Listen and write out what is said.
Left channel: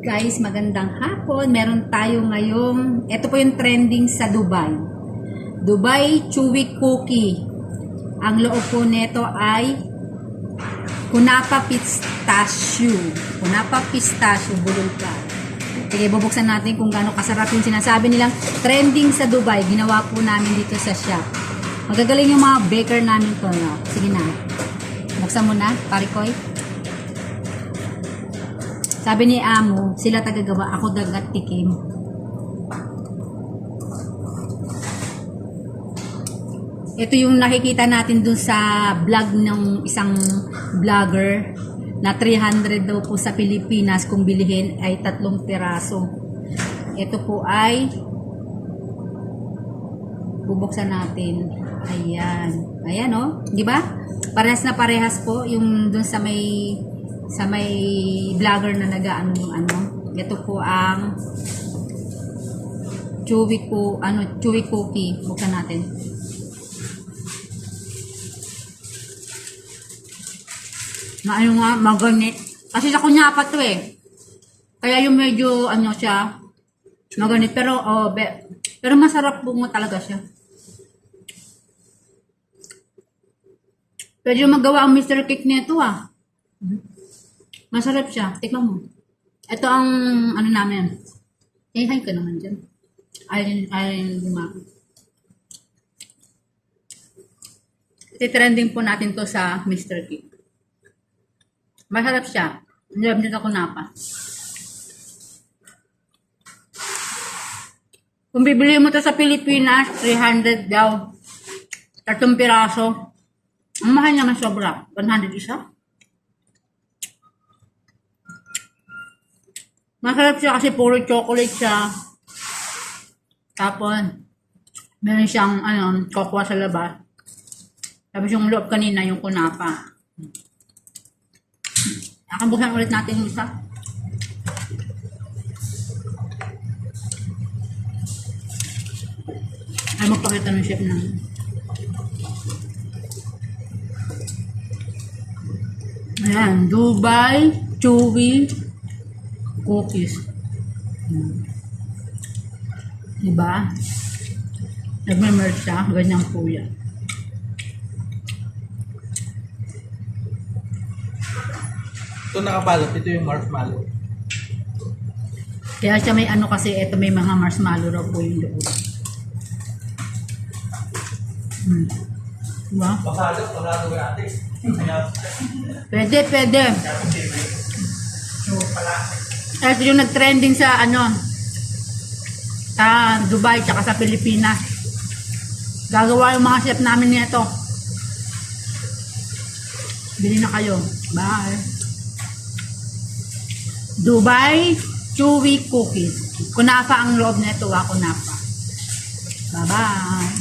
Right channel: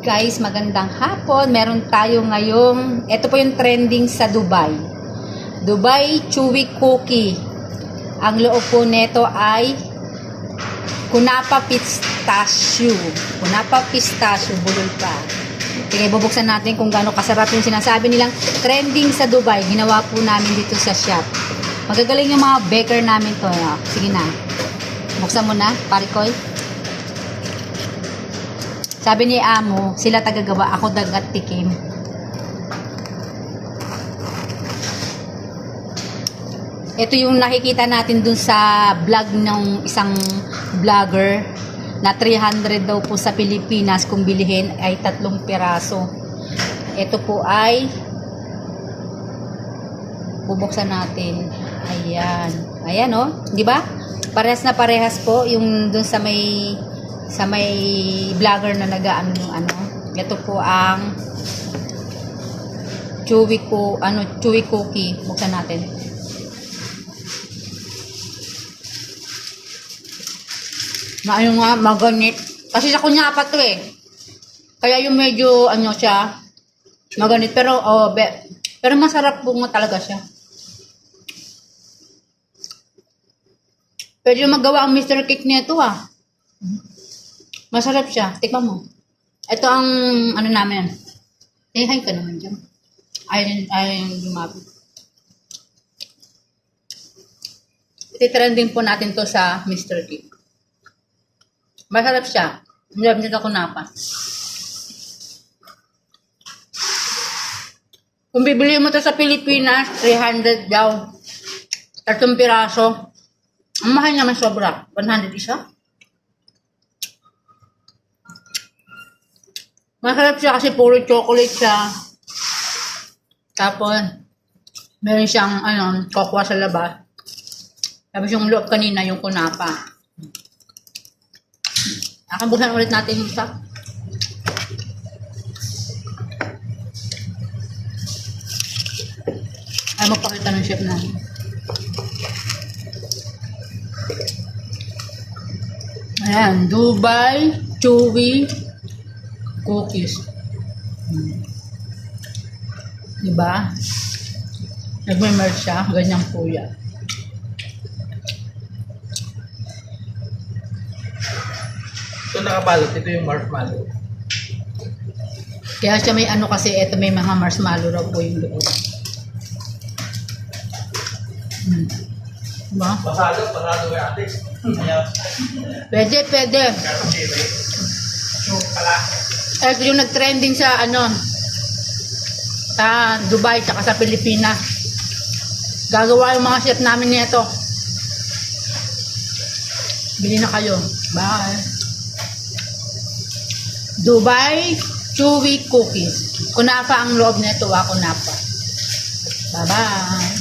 Guys, magandang hapon. Meron tayo ngayong, ito po yung trending sa Dubai. Dubai Chewy Cookie. Ang loob po nito ay Kunapa Pistachio. Kunapa Pistachio, bulol pa. Sige, bubuksan natin kung gaano kasarap yung sinasabi nilang trending sa Dubai. Ginawa po namin dito sa shop. Magagaling yung mga baker namin to. Sige na. Buksan mo na, Parikoy. Sabi ni Amo, sila tagagawa, ako dagat tikim. Ito yung nakikita natin dun sa vlog ng isang vlogger na 300 daw po sa Pilipinas kung bilihin ay 3 piraso. Ito po ay bubuksan natin. Ayan. Ayan oh, di ba? Parehas na parehas po yung dun sa may vlogger na nagaan ng ano. Ito po ang chewy cookie. Buksan natin. Na ano nga, maganit. Kasi sa kunyapa to eh. Kaya yung medyo ano siya, maganit. Pero pero masarap po nga talaga siya. Pwede yung magawa ang Mr. Cake nito ah. Masarap siya. Tikman mo. Ito ang ano namin. Hi ka naman dyan. Ayaw yung lumapit. Iti-trending po natin to sa Mr. Cake. Masarap siya. Hindi ako kunapa. Kung bibili mo to sa Pilipinas, 300 daw. 3 piraso. Ang mahal naman sobra. 100 isa. Masarap siya kasi puro chocolate siya. Tapos, meron siyang kokwa sa labas. Tapos yung loob kanina, yung kunapa. Akabusan ulit natin yung isa. Ay, magpakita ng chef namin. Ayan, Dubai Chewy Cookies. Diba? Nagme-merge siya. Ganyang po yan. Ito nakabalot. Ito yung marshmallow. Kaya siya may ano kasi, ito may mga marshmallow raw po yung loob. Diba? Pasado yung ate. Pwede. Ito yung nag-trending sa sa Dubai tsaka sa Pilipinas. Gagawa yung mga chef namin nito. Bili na kayo. Bye. Dubai Chewy Cookies. Kunapa ang loob nito, kunapa. Bye-bye.